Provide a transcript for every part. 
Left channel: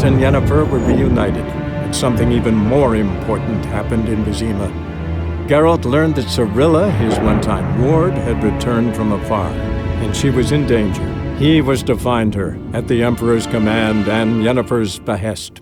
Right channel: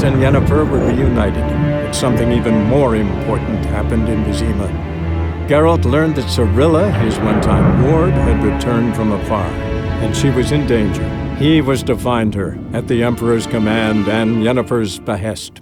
Geralt and Yennefer were reunited, but something even more important happened in Vizima. Geralt learned that Cirilla, his one-time ward, had returned from afar, and she was in danger. He was to find her, at the Emperor's command and Yennefer's behest.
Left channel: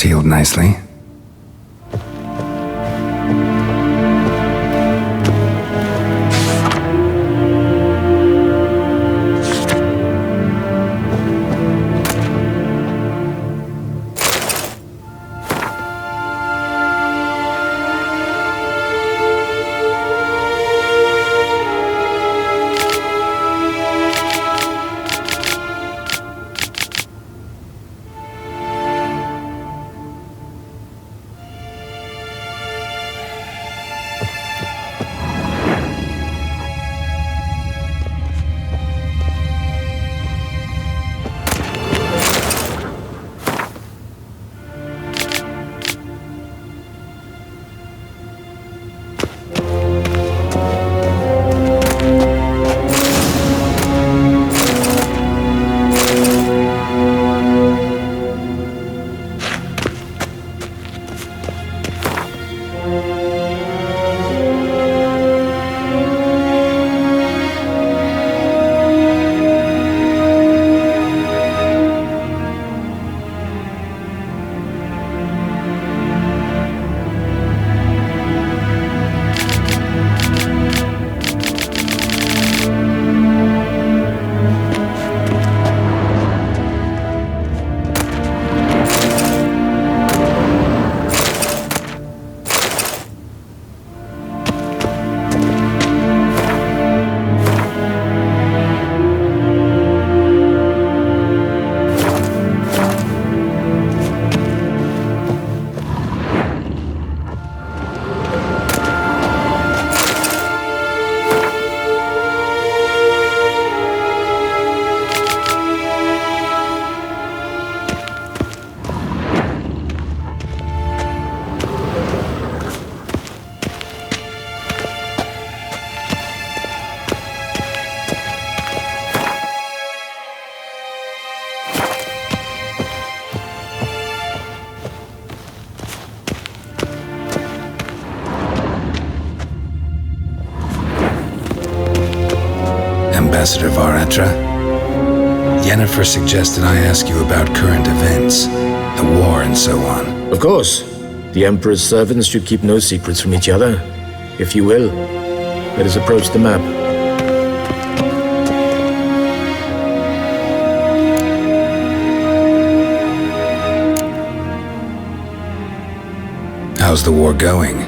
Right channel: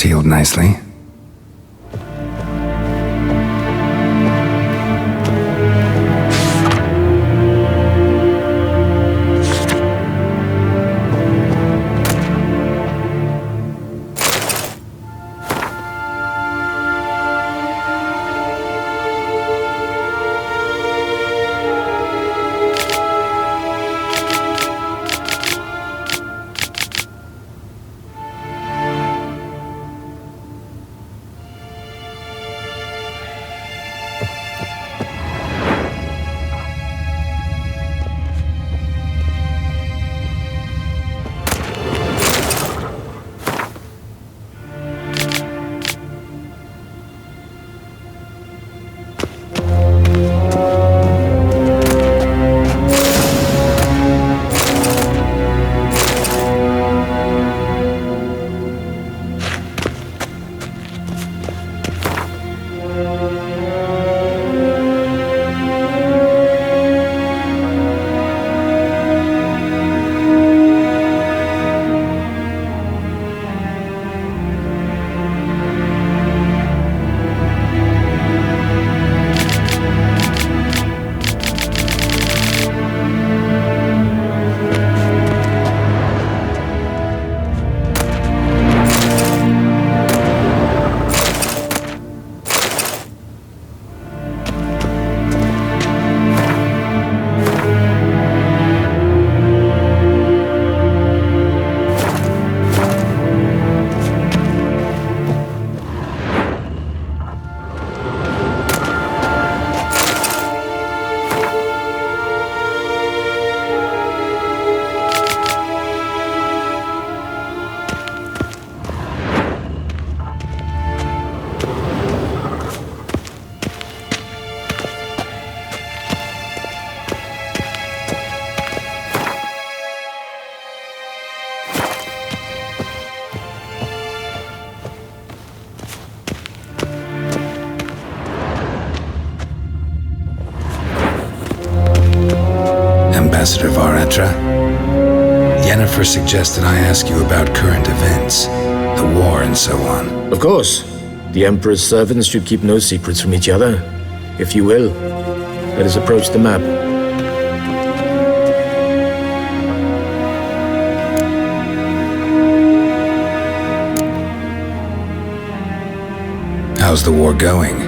Healed nicely. Ambassador Varatra, Yennefer suggested I ask you about current events, the war and so on. Of course. The Emperor's servants should keep no secrets from each other. If you will, let us approach the map. How's the war going?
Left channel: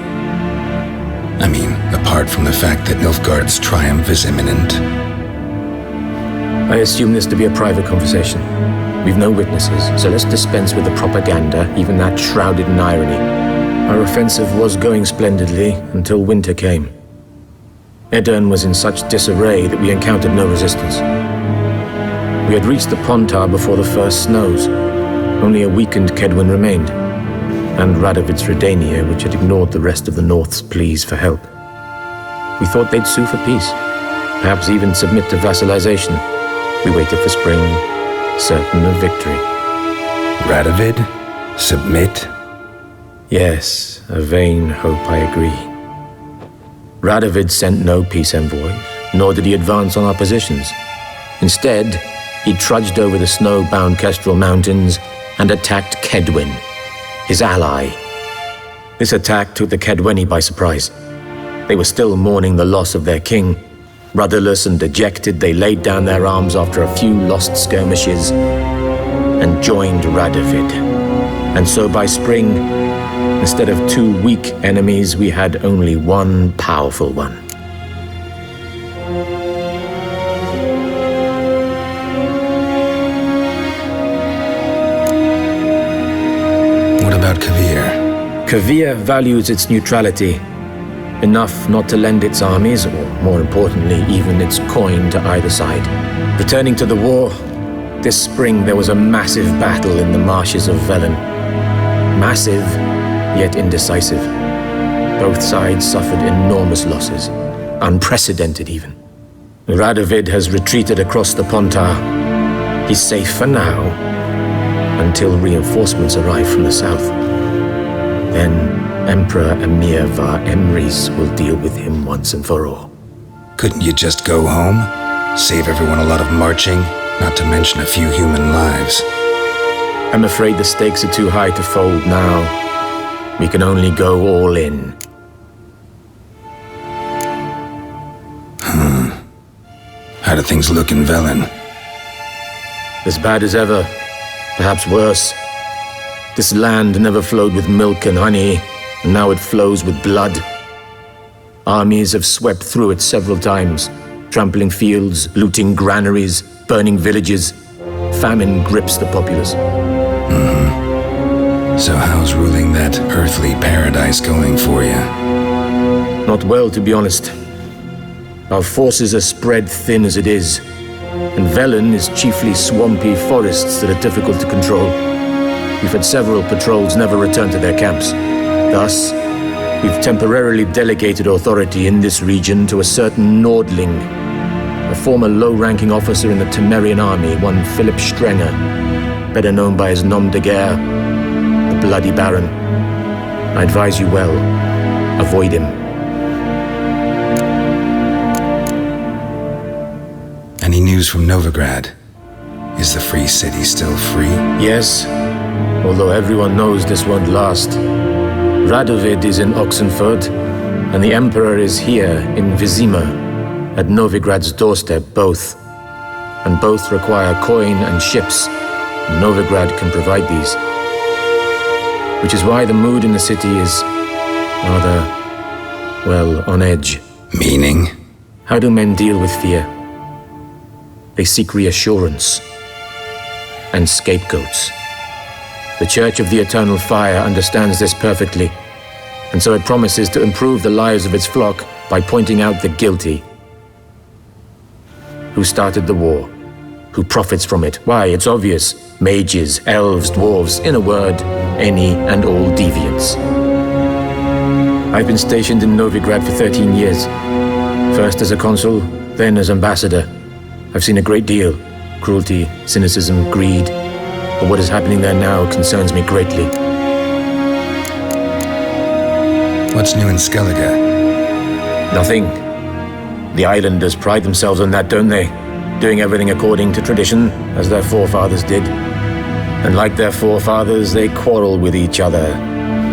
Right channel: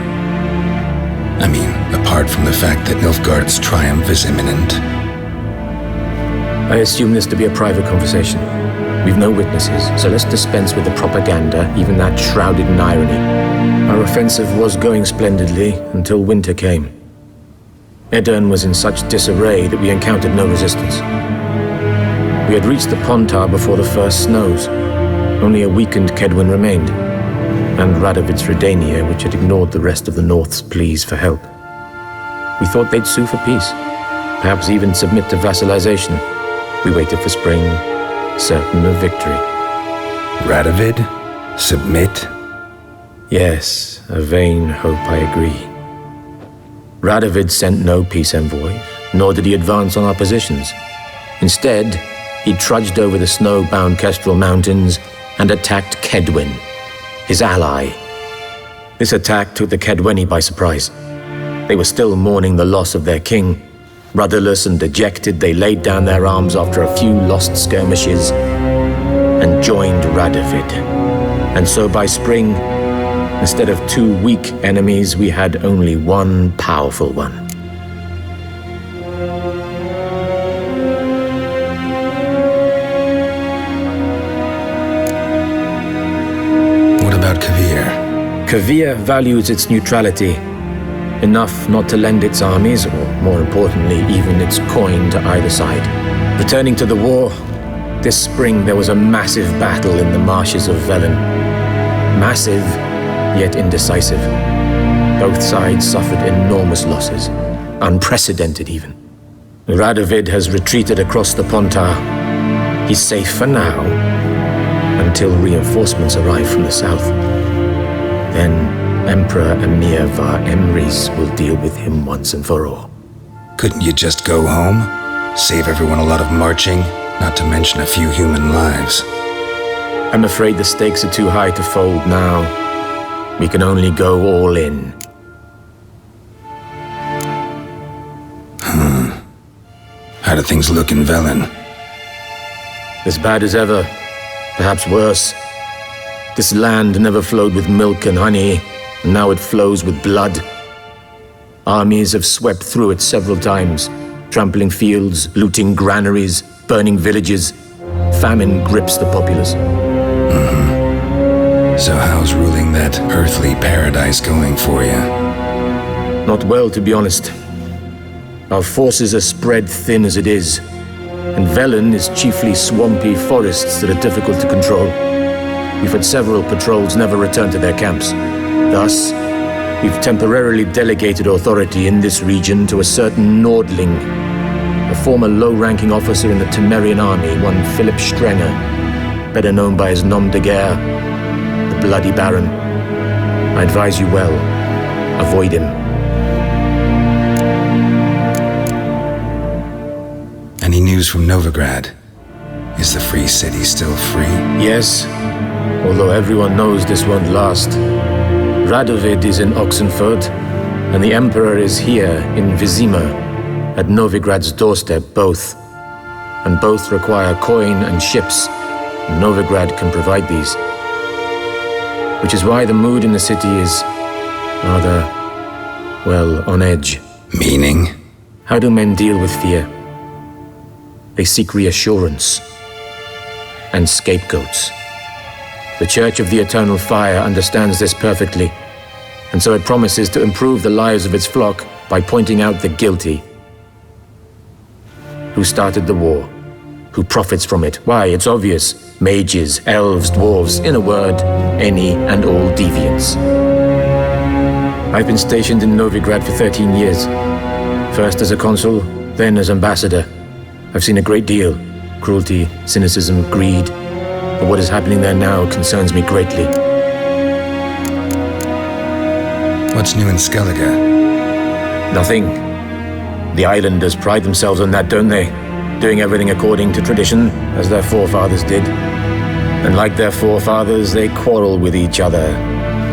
I mean, apart from the fact that Nilfgaard's triumph is imminent. I assume this to be a private conversation. We've no witnesses, so let's dispense with the propaganda, even that shrouded in irony. Our offensive was going splendidly until winter came. Edirn was in such disarray that we encountered no resistance. We had reached the Pontar before the first snows. Only a weakened Kedwen remained, and Radovid's Redania, which had ignored the rest of the North's pleas for help. We thought they'd sue for peace, perhaps even submit to vassalization. We waited for spring, certain of victory. Radovid? Submit? Yes, a vain hope, I agree. Radovid sent no peace envoys, nor did he advance on our positions. Instead, he trudged over the snow-bound Kestrel Mountains and attacked Kedwen, his ally. This attack took the Kedweni by surprise. They were still mourning the loss of their king. Rudderless and dejected, they laid down their arms after a few lost skirmishes and joined Radovid. And so by spring, instead of two weak enemies, we had only one powerful one. What about Kavir? Kavir values its neutrality, enough not to lend its armies, or more importantly, even its coin to either side. Returning to the war, this spring there was a massive battle in the marshes of Velen. Massive, yet indecisive. Both sides suffered enormous losses, unprecedented even. Radovid has retreated across the Pontar. He's safe for now, until reinforcements arrive from the south. Then Emperor Emir Var Emrys will deal with him once and for all. Couldn't you just go home? Save everyone a lot of marching, not to mention a few human lives. I'm afraid the stakes are too high to fold now. We can only go all in. How do things look in Velen? As bad as ever, perhaps worse. This land never flowed with milk and honey, and now it flows with blood. Armies have swept through it several times, trampling fields, looting granaries, burning villages. Famine grips the populace. So how's ruling that earthly paradise going for you? Not well, to be honest. Our forces are spread thin as it is, and Velen is chiefly swampy forests that are difficult to control. We've had several patrols never return to their camps. Thus, we've temporarily delegated authority in this region to a certain Nordling, a former low-ranking officer in the Temerian army, one Philip Strenger, better known by his nom de guerre, the Bloody Baron. I advise you well, avoid him. Any news from Novigrad? Is the free city still free? Yes, although everyone knows this won't last. Radovid is in Oxenfurt, and the Emperor is here in Vizima, at Novigrad's doorstep both. And both require coin and ships, and Novigrad can provide these. Which is why the mood in the city is rather, well, on edge. Meaning? How do men deal with fear? They seek reassurance and scapegoats. The Church of the Eternal Fire understands this perfectly, and so it promises to improve the lives of its flock by pointing out the guilty. Who started the war? Who profits from it? Why, it's obvious. Mages, elves, dwarves, in a word, any and all deviants. I've been stationed in Novigrad for 13 years. First as a consul, then as ambassador. I've seen a great deal. Cruelty, cynicism, greed. But what is happening there now concerns me greatly. What's new in Skellige? Nothing. The islanders pride themselves on that, don't they? Doing everything according to tradition, as their forefathers did. And like their forefathers, they quarrel with each other,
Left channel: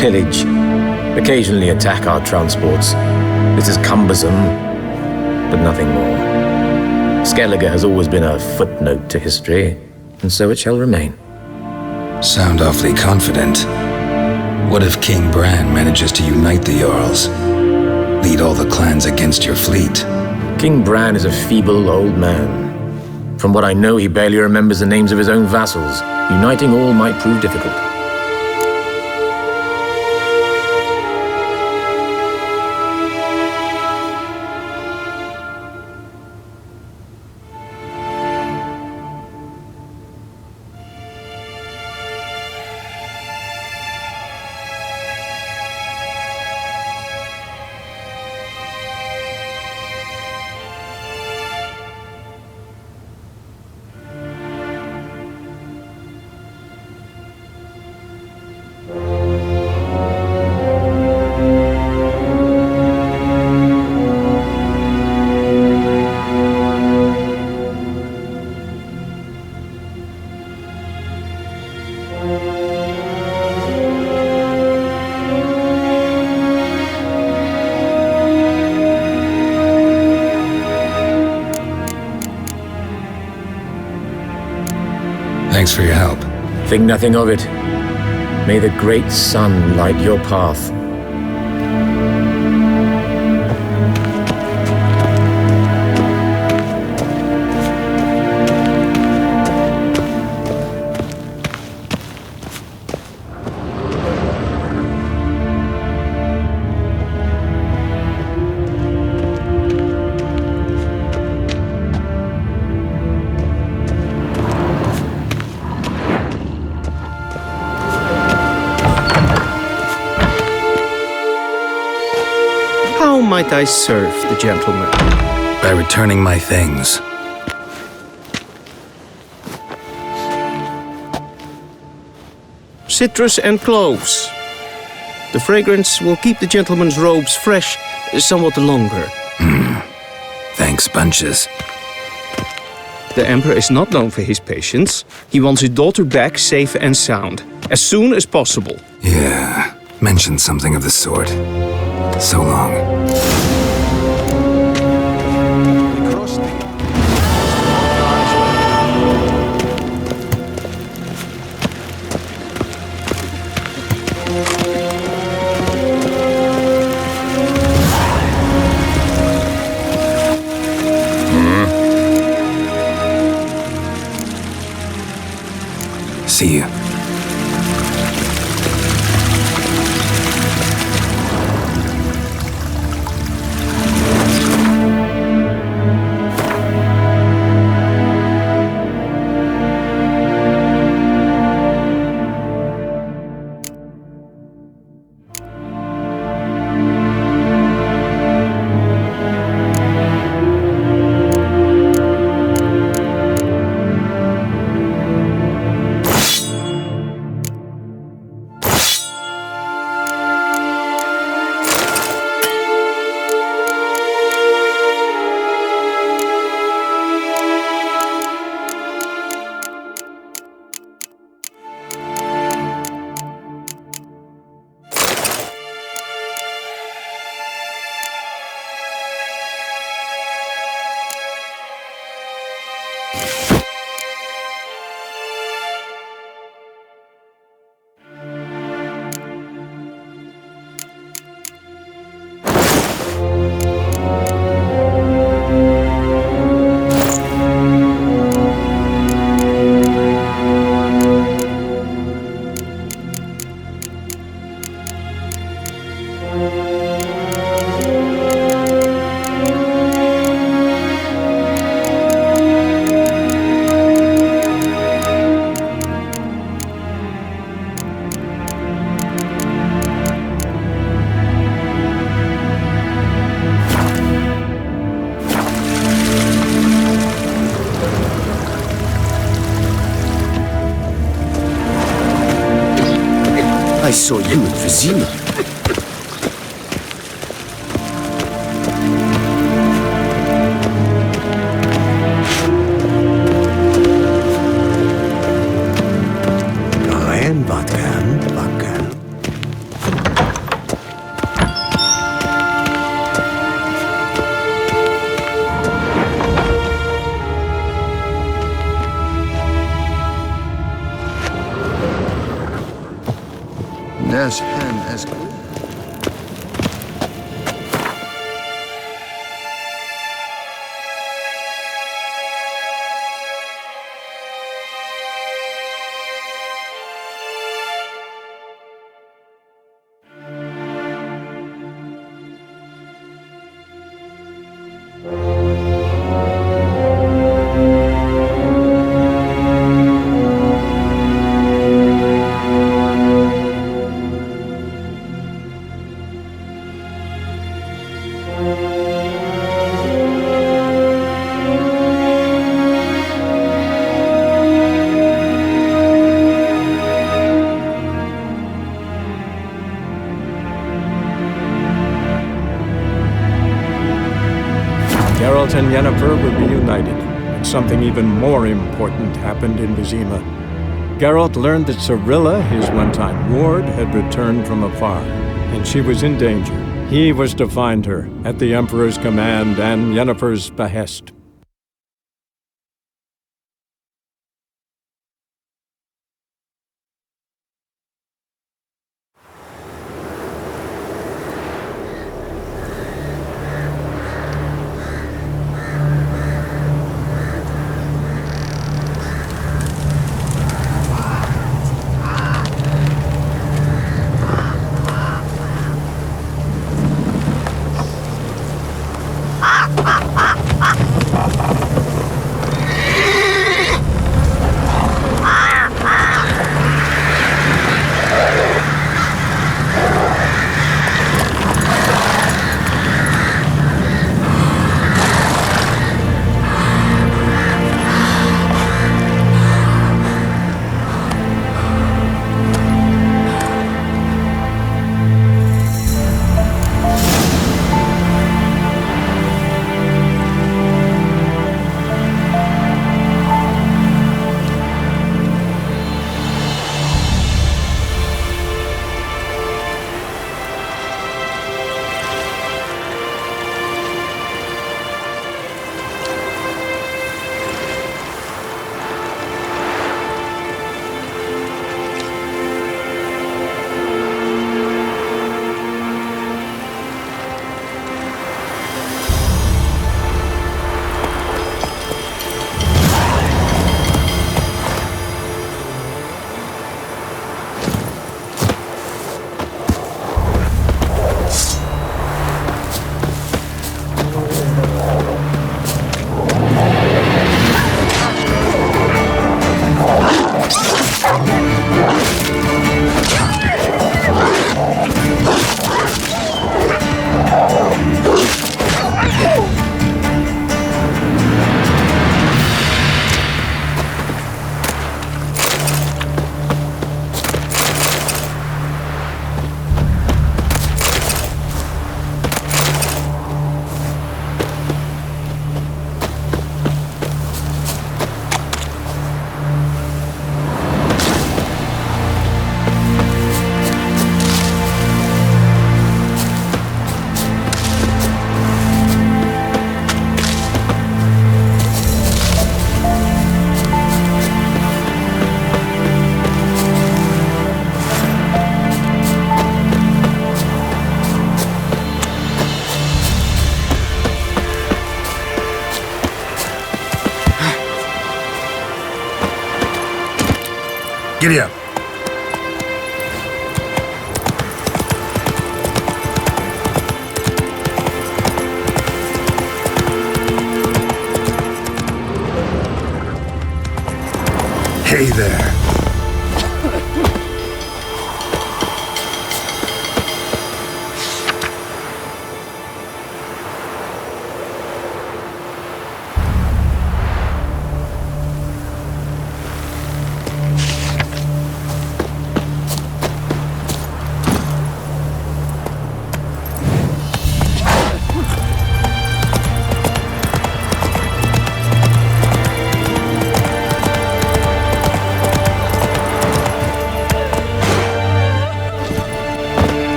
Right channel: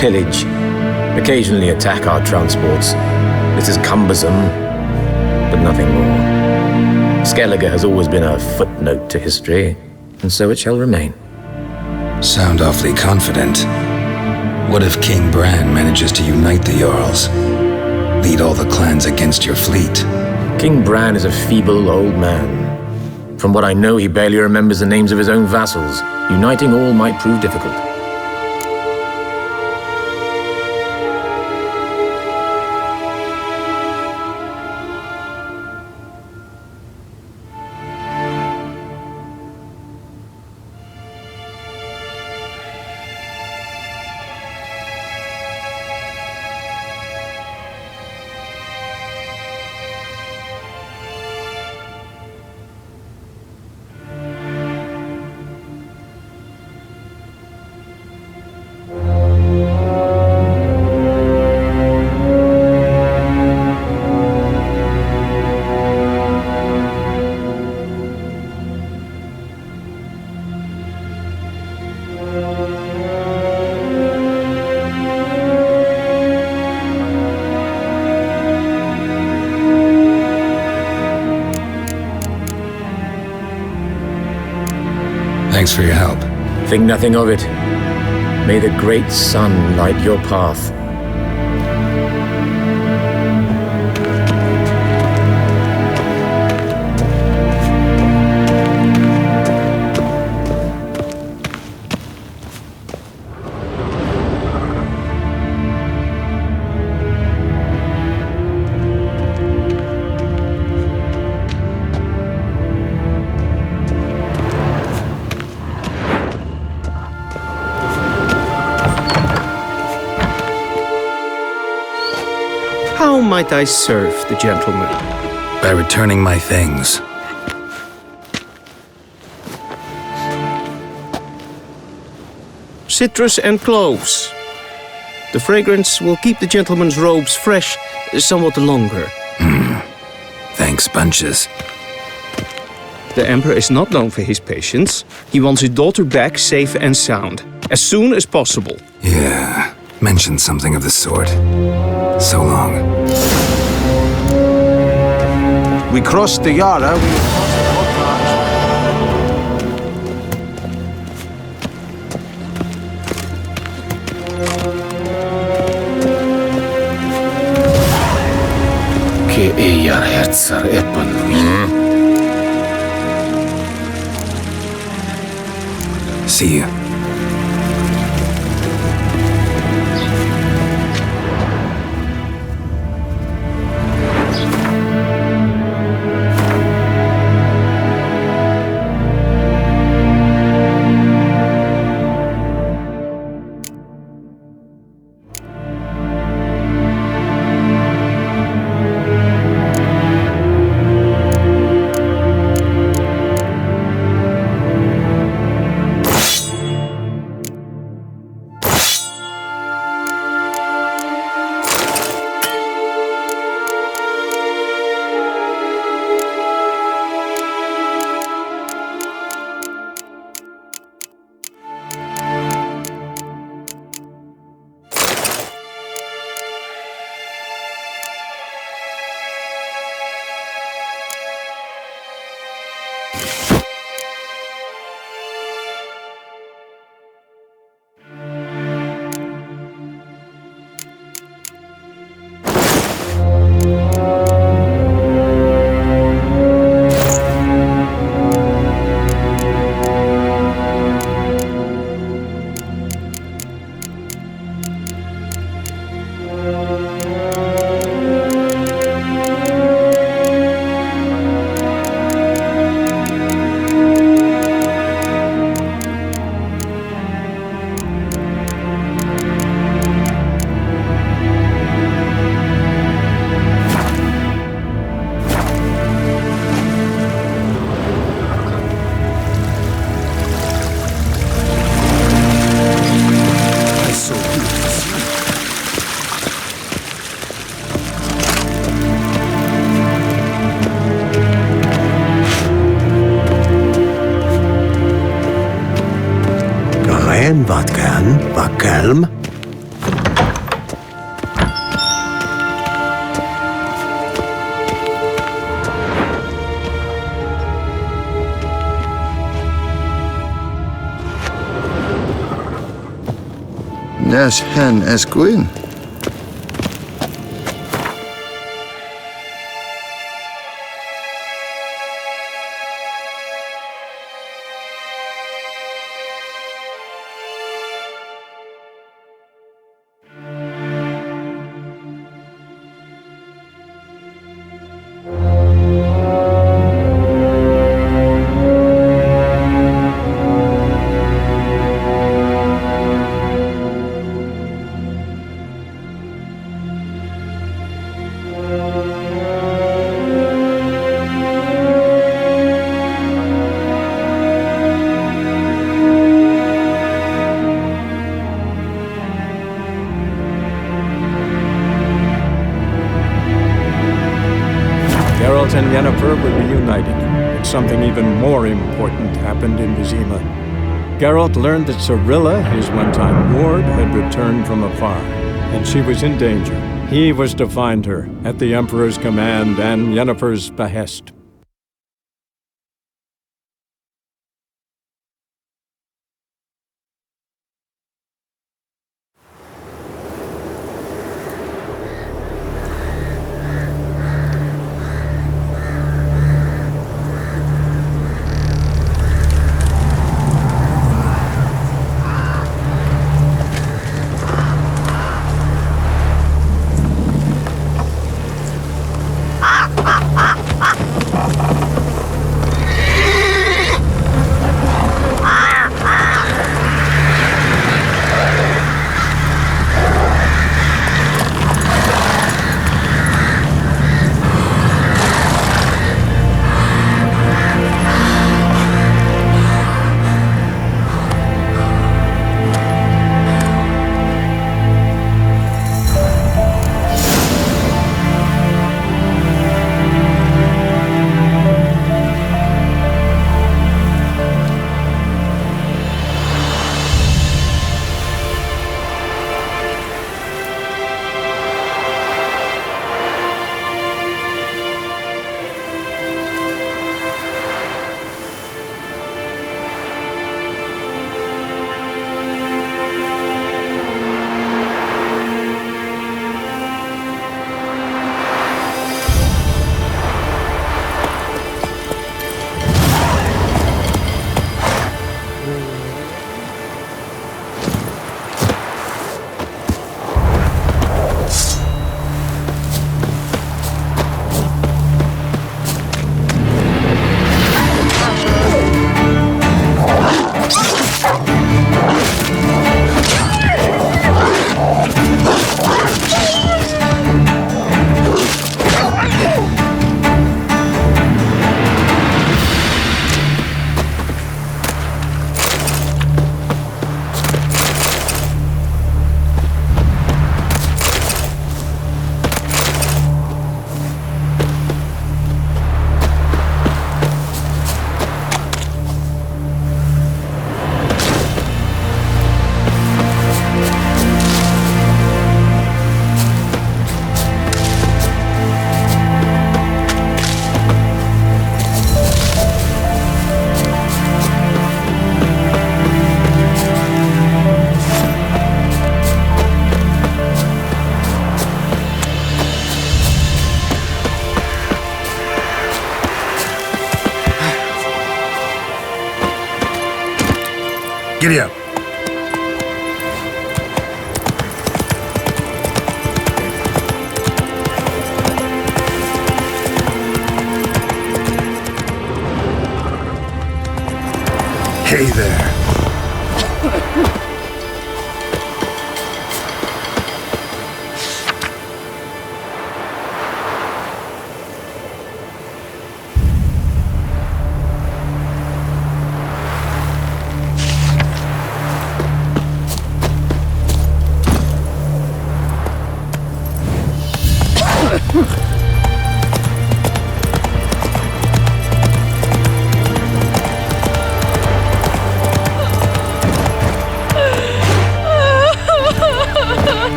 pillage, occasionally attack our transports. This is cumbersome, but nothing more. Skellige has always been a footnote to history, and so it shall remain. Sound awfully confident. What if King Bran manages to unite the Jarls? Lead all the clans against your fleet? King Bran is a feeble old man. From what I know, he barely remembers the names of his own vassals. Uniting all might prove difficult. Thanks for your help. Think nothing of it. May the great sun light your path. How might I serve the gentleman? By returning my things. Citrus and cloves. The fragrance will keep the gentleman's robes fresh somewhat longer. Thanks, bunches. The Emperor is not known for his patience. He wants his daughter back safe and sound, as soon as possible. Yeah, mentioned something of the sort. So long. We crossed the Yara, we'll cross the Otla as well. See you. I saw you at Vizima. Geen wat kan, wat kalm. Nes hen es gwyn. and Yennefer were reunited, but something even more important happened in Vizima. Geralt learned that Cirilla, his one-time ward, had returned from afar, and she was in danger. He was to find her, at the Emperor's command and Yennefer's behest. Giddy up. Hey there.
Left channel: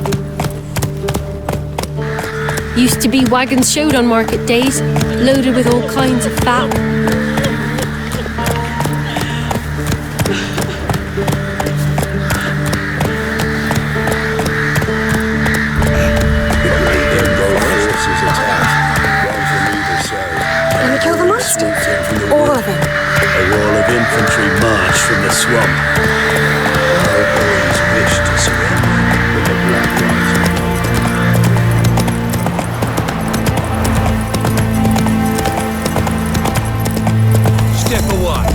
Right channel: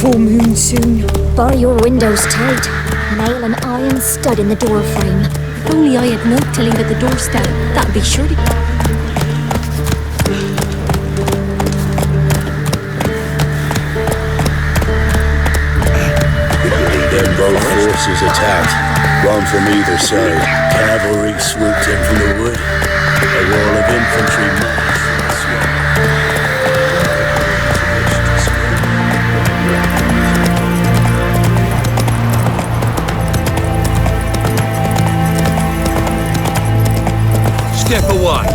Full moon soon. buy your windows tight. Used to be wagons showed on market days, loaded with all kinds of Velen. At the doorstep. That'd be sure. Then both forces attacked, one from either side. Cavalry swooped in from the wood. A wall of infantry marched from the swamp. Our opponents wished to surrender, but the Black Rising. Step away.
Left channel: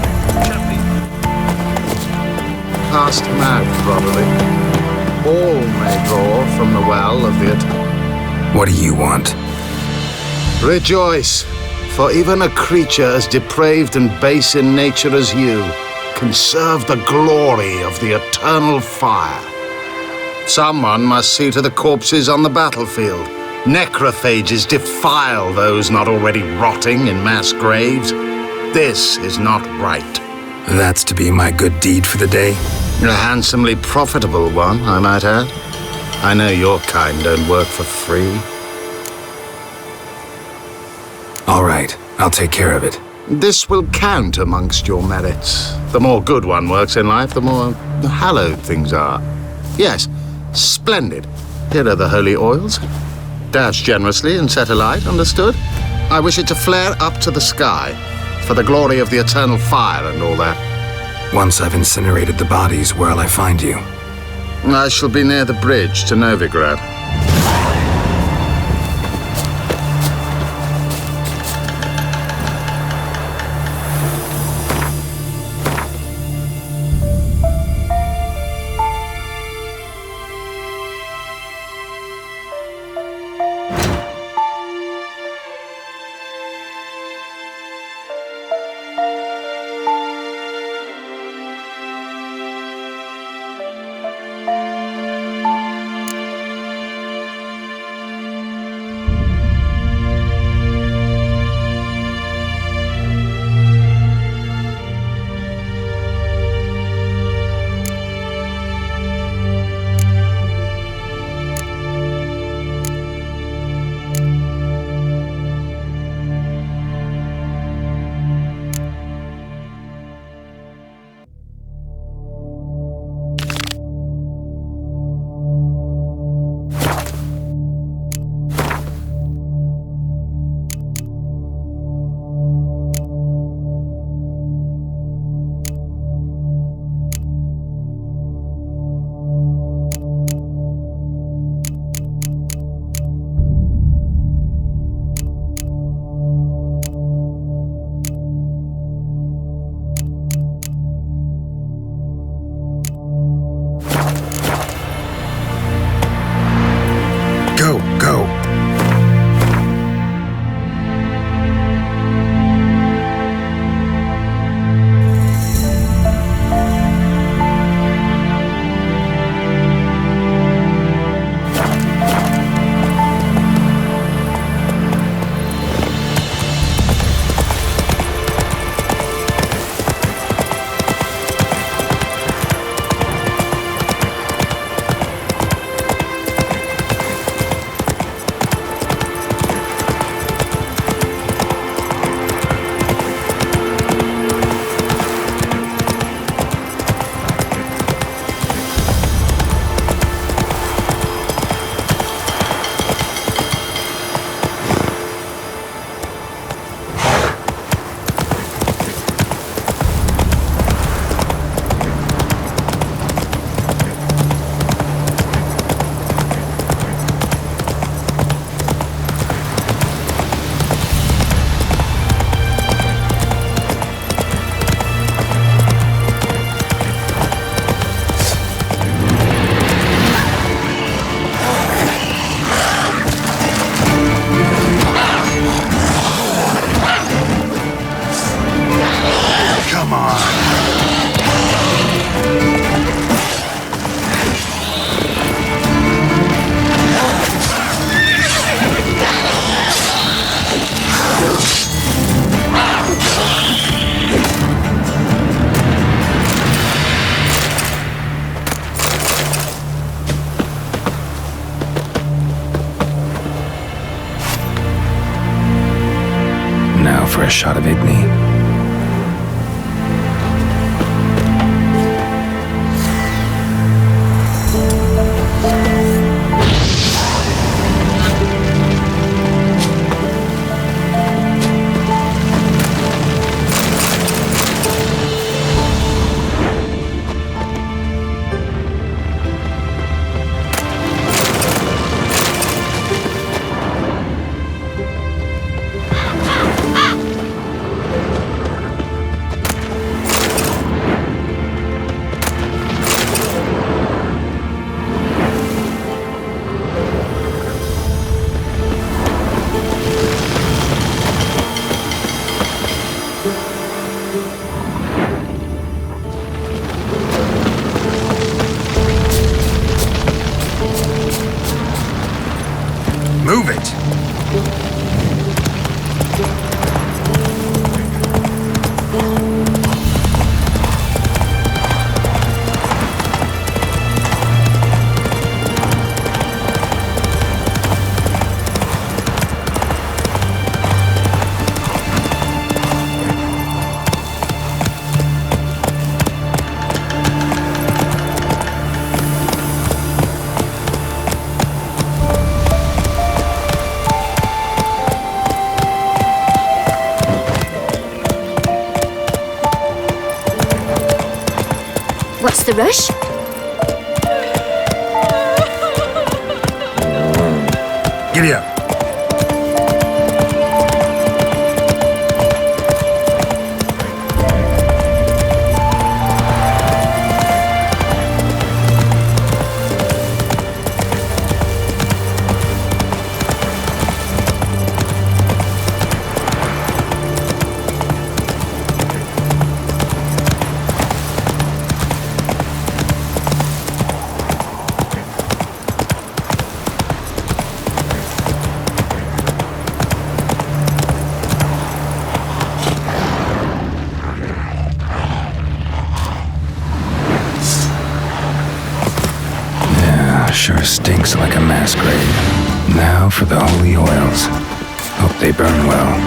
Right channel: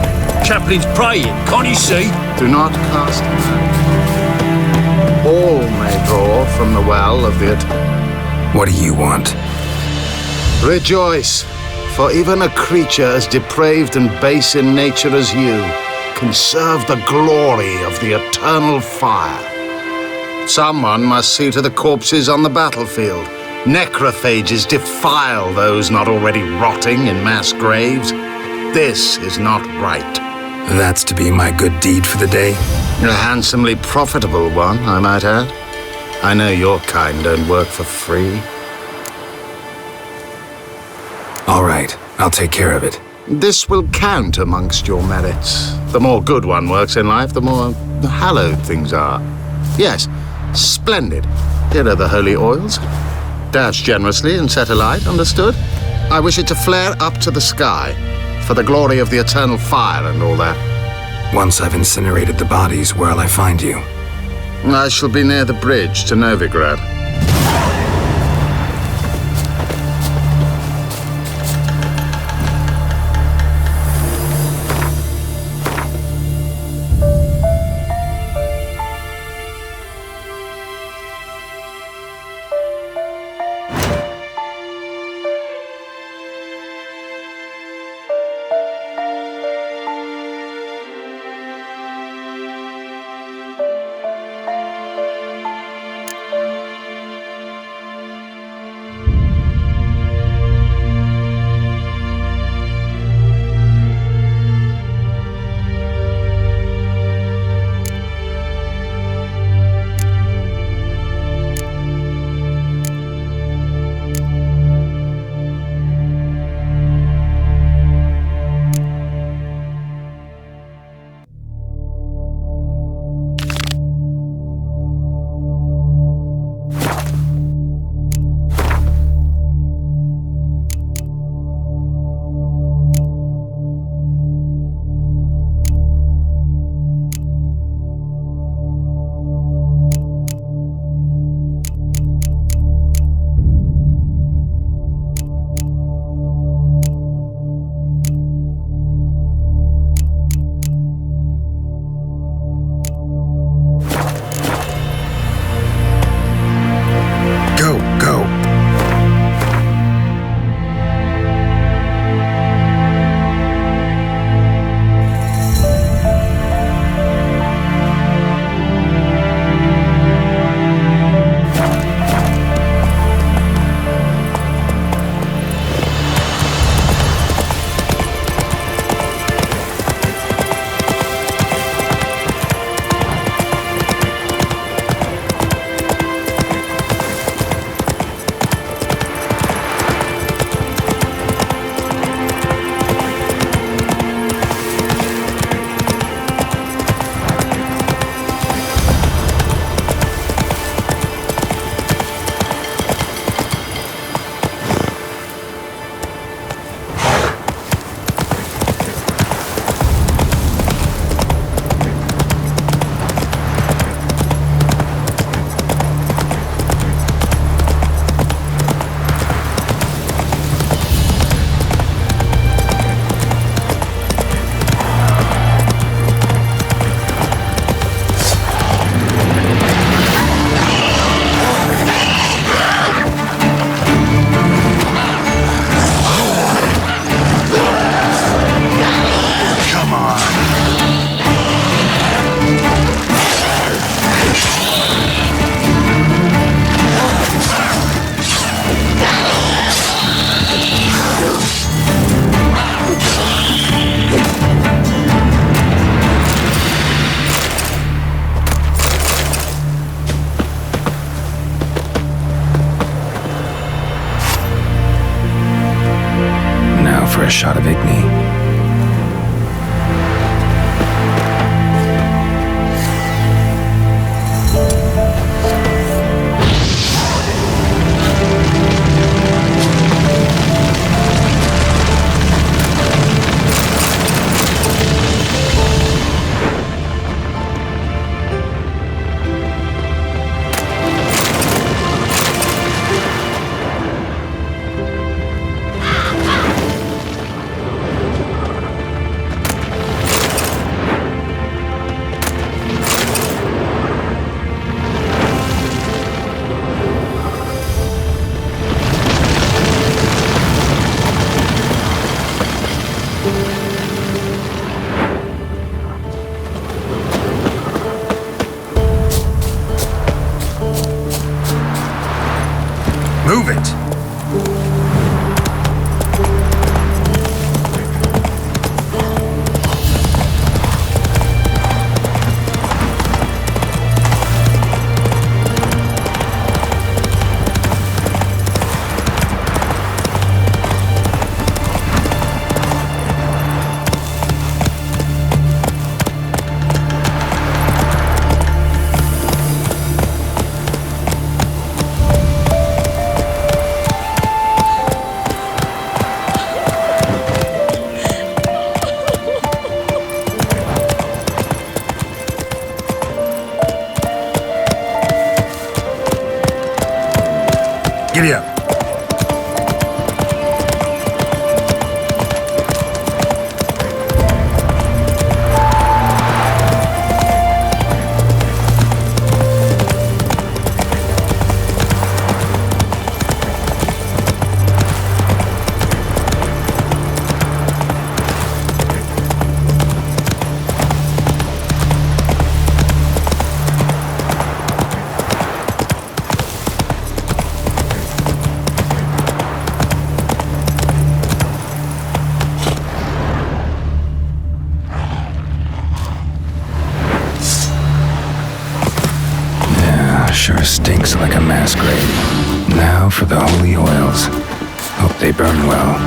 Chaplin's praying, can't you see? Do not cast him out, probably. All may draw from the well of the... What do you want? Rejoice, for even a creature as depraved and base in nature as you can serve the glory of the eternal fire. Someone must see to the corpses on the battlefield. Necrophages defile those not already rotting in mass graves. This is not right. That's to be my good deed for the day? A handsomely profitable one, I might add. I know your kind don't work for free. All right, I'll take care of it. This will count amongst your merits. The more good one works in life, the more hallowed things are. Yes, splendid. Here are the holy oils. Dash generously and set alight, understood? I wish it to flare up to the sky, for the glory of the eternal fire and all that. Once I've incinerated the bodies, where'll I find you? I shall be near the bridge to Novigrad. a shot of Igni. Move it! What's the rush? Giddy up! Sure stinks like a mass grave. Now for the holy oils. Hope they burn well.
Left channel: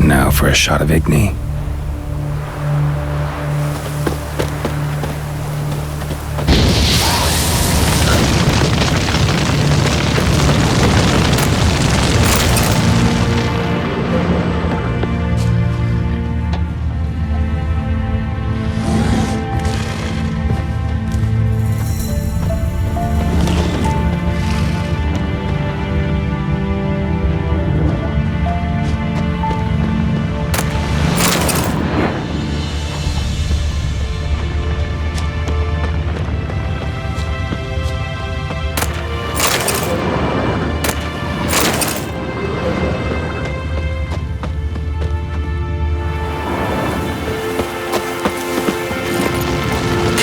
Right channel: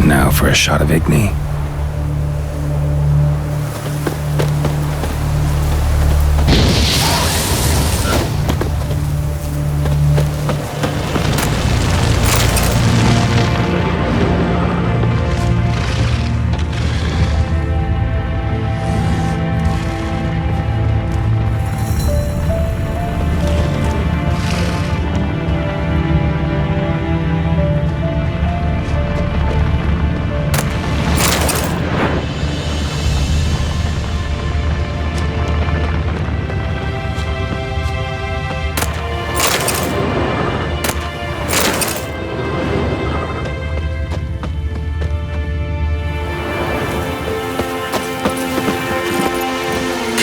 Now for a shot of Igni.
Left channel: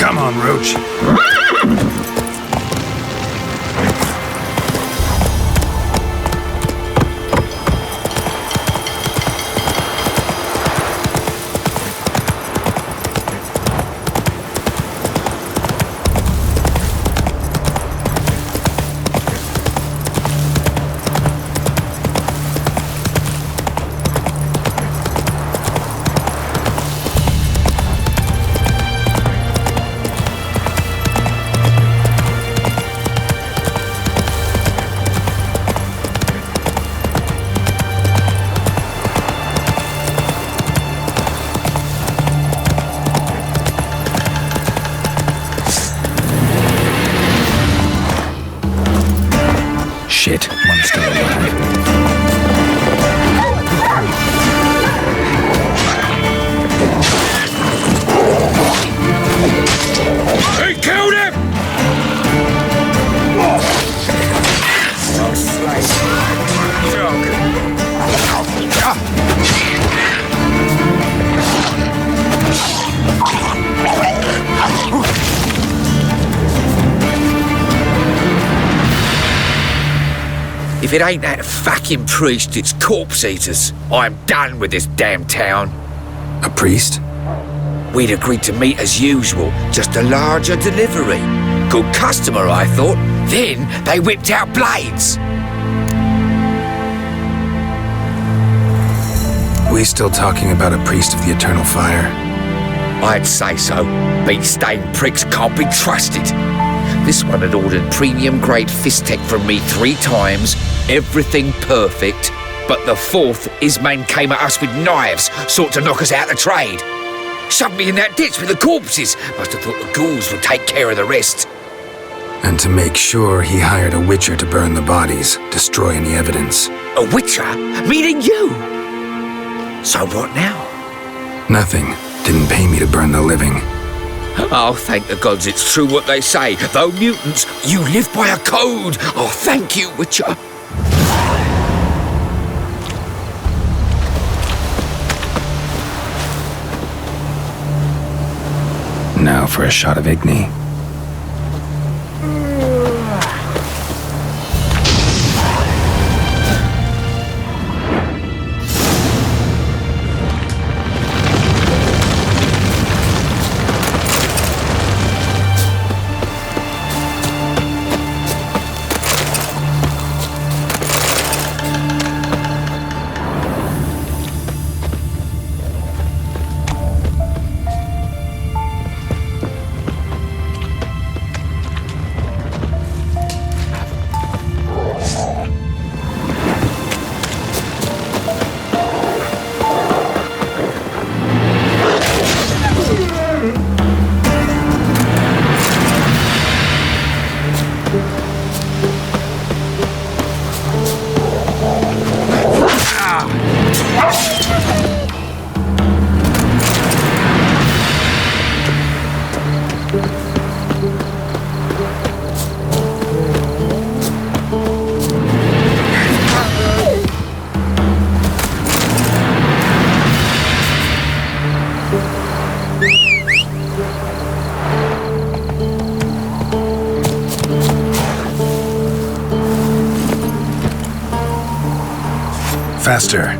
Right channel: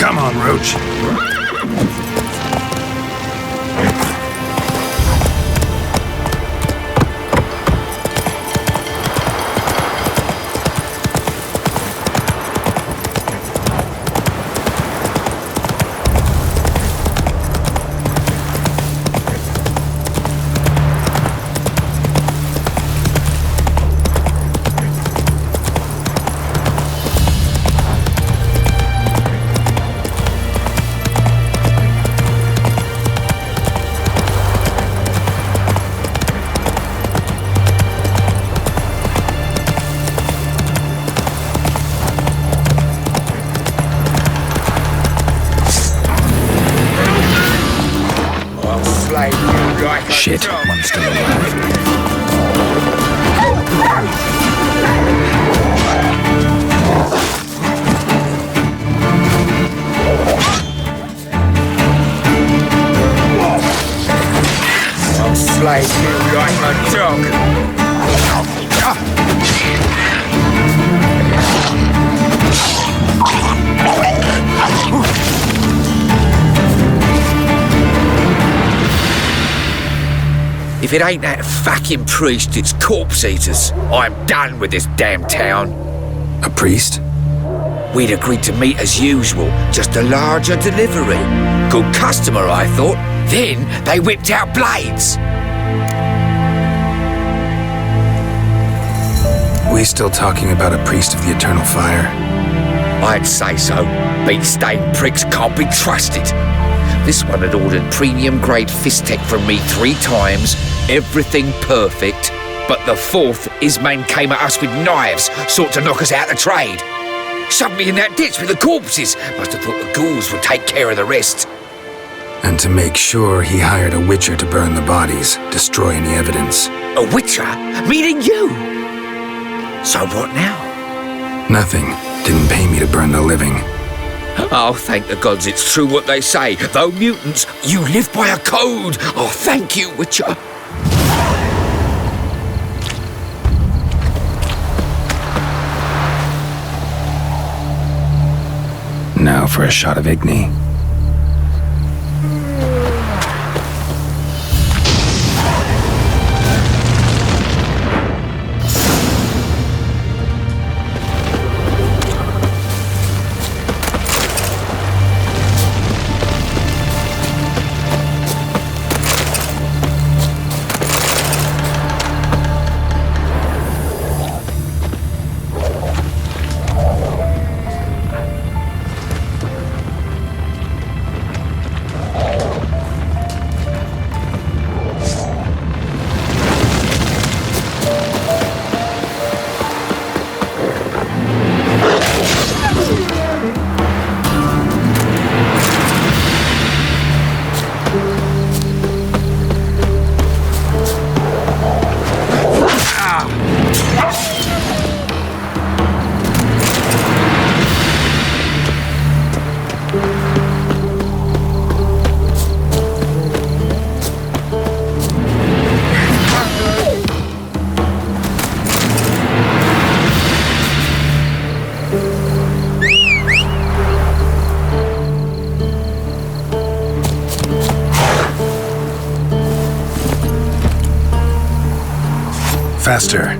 Come on, Roach. Shit, one's still alive. They killed him! I'll slay you like a dog. If it ain't that fucking priest, it's corpse eaters. I'm done with this damn town. A priest? We'd agreed to meet as usual, just a larger delivery. Good customer, I thought. Then they whipped out blades. We still talking about a priest of the eternal fire? I'd say so. Beat-stained pricks can't be trusted. This one had ordered premium-grade fist tech from me 3 times, everything perfect, but the 4th, his men came at us with knives, sought to knock us out of trade. Shoved me in that ditch with the corpses. Must have thought the ghouls would take care of the rest. And to make sure, he hired a witcher to burn the bodies, destroy any evidence. A witcher? Meaning you? So what now? Nothing. Didn't pay me to burn the living. Oh, thank the gods it's true what they say. Though mutants, you live by a code. Oh, thank you, Witcher. Now for a shot of Igni. Faster.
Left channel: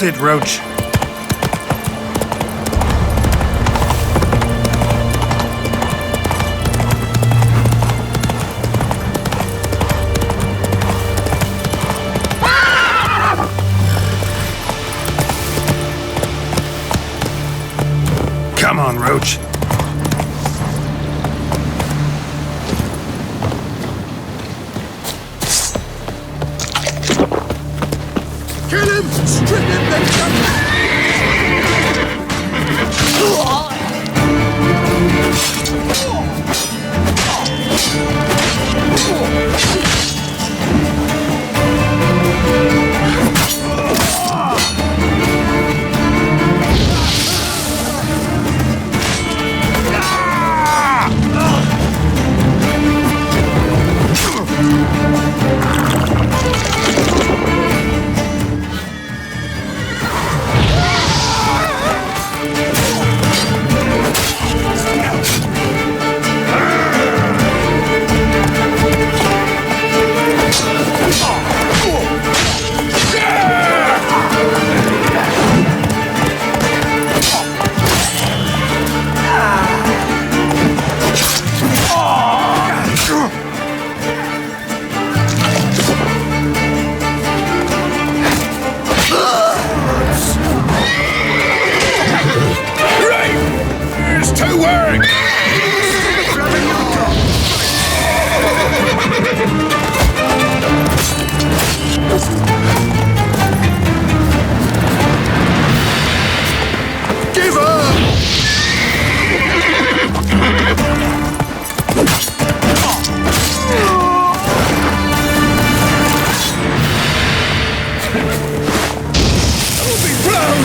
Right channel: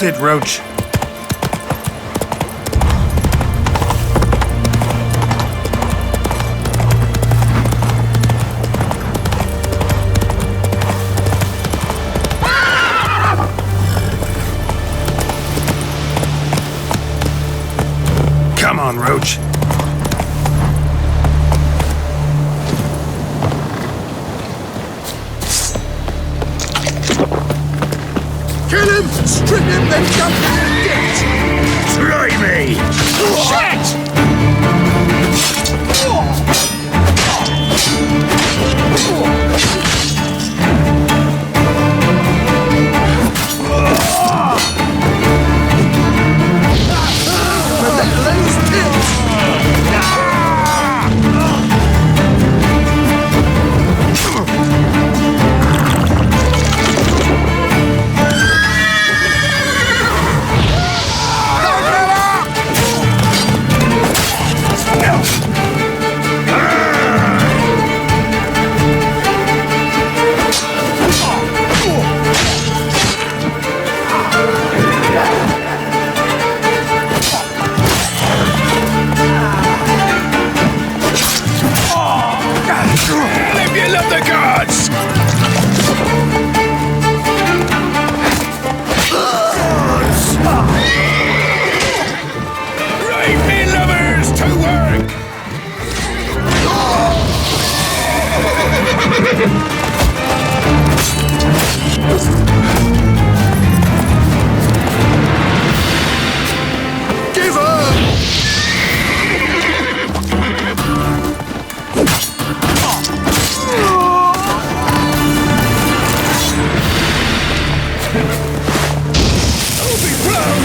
That's it, Roach. Come on, Roach. Kill him! Strip him, then dump him in the ditch! Try me! Give up! I'll be proud!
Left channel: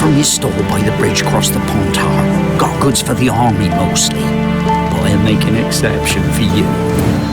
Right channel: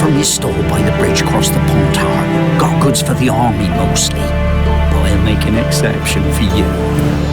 From his store by the bridge across the pond tower. Got goods for the army mostly, but I'll make an exception for you.